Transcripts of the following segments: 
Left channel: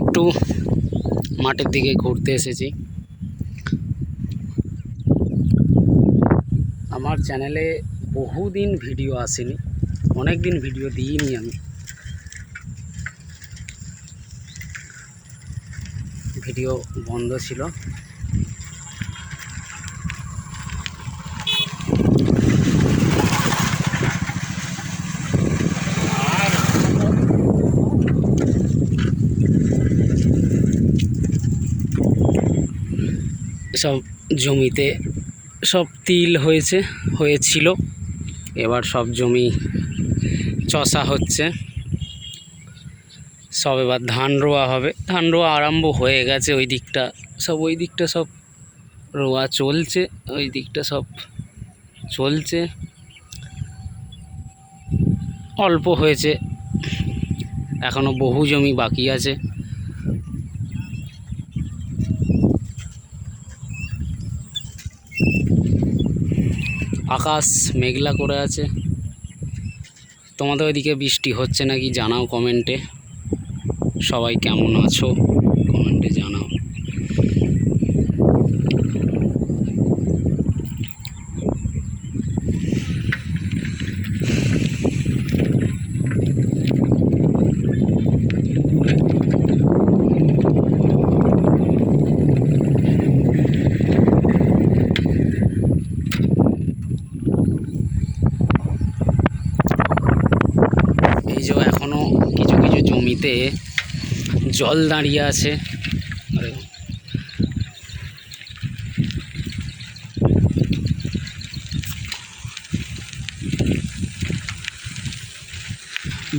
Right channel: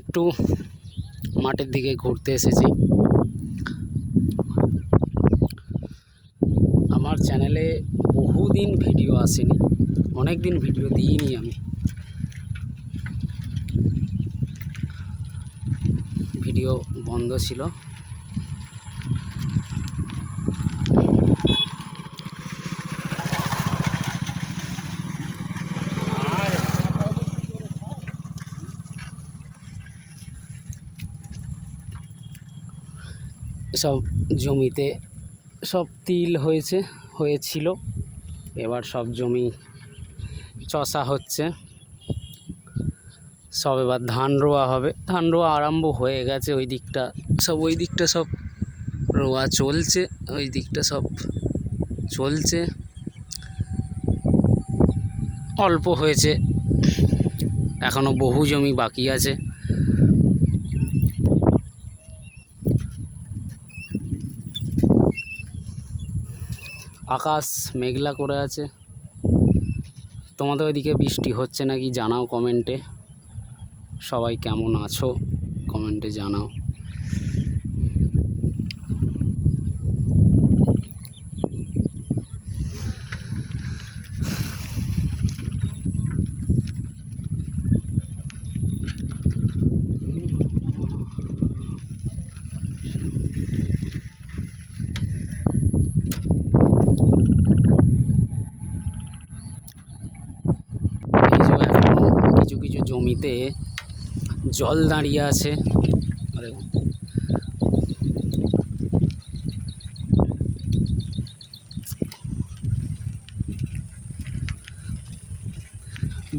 একটু মাঠের দিকে ঘুরতে এসেছি। আমার চ্যানেলে বহুদিন ভিডিও আসেনি, অনেক দিন ভিডিও দিইনি আমি। ভিডিও বন্ধ ছিল। সব জমিতে সব তিল হয়েছিল, এবার সব জমি চষা হচ্ছে, সব এবার ধান রোয়া হবে। ধান রোয়া আরম্ভ হয়ে গেছে, ওই দিকটা সব রোয়া চলছে, ওই দিকটা সব চলছে। অল্প হয়েছে, এখনো বহু জমি বাকি আছে। আকাশ মেঘলা করে আছে। তোমাদের ওইদিকে বৃষ্টি হচ্ছে নাকি জানাও কমেন্টে। সবাই কেমন আছো কমেন্টে জানাও। এই যে এখনো কিছু কিছু জমিতে জল দাঁড়িয়ে আছে।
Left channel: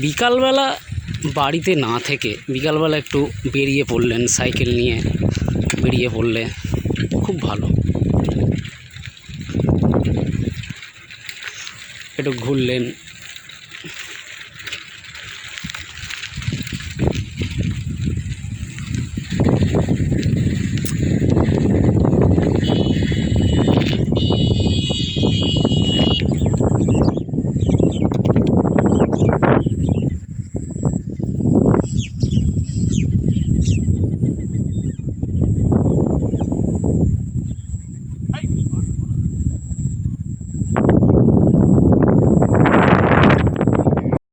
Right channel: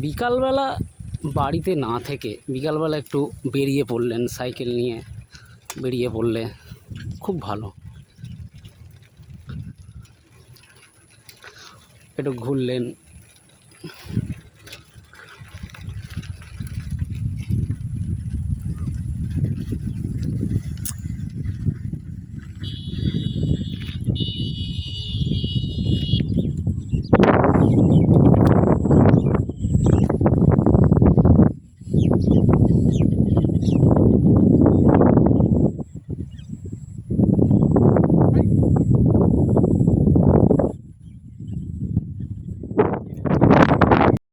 বিকালবেলা বাড়িতে না থেকে বিকালবেলা একটু বেরিয়ে পড়লেন, সাইকেল নিয়ে বেরিয়ে পড়লে খুব ভালো। একটু ঘুরলেন,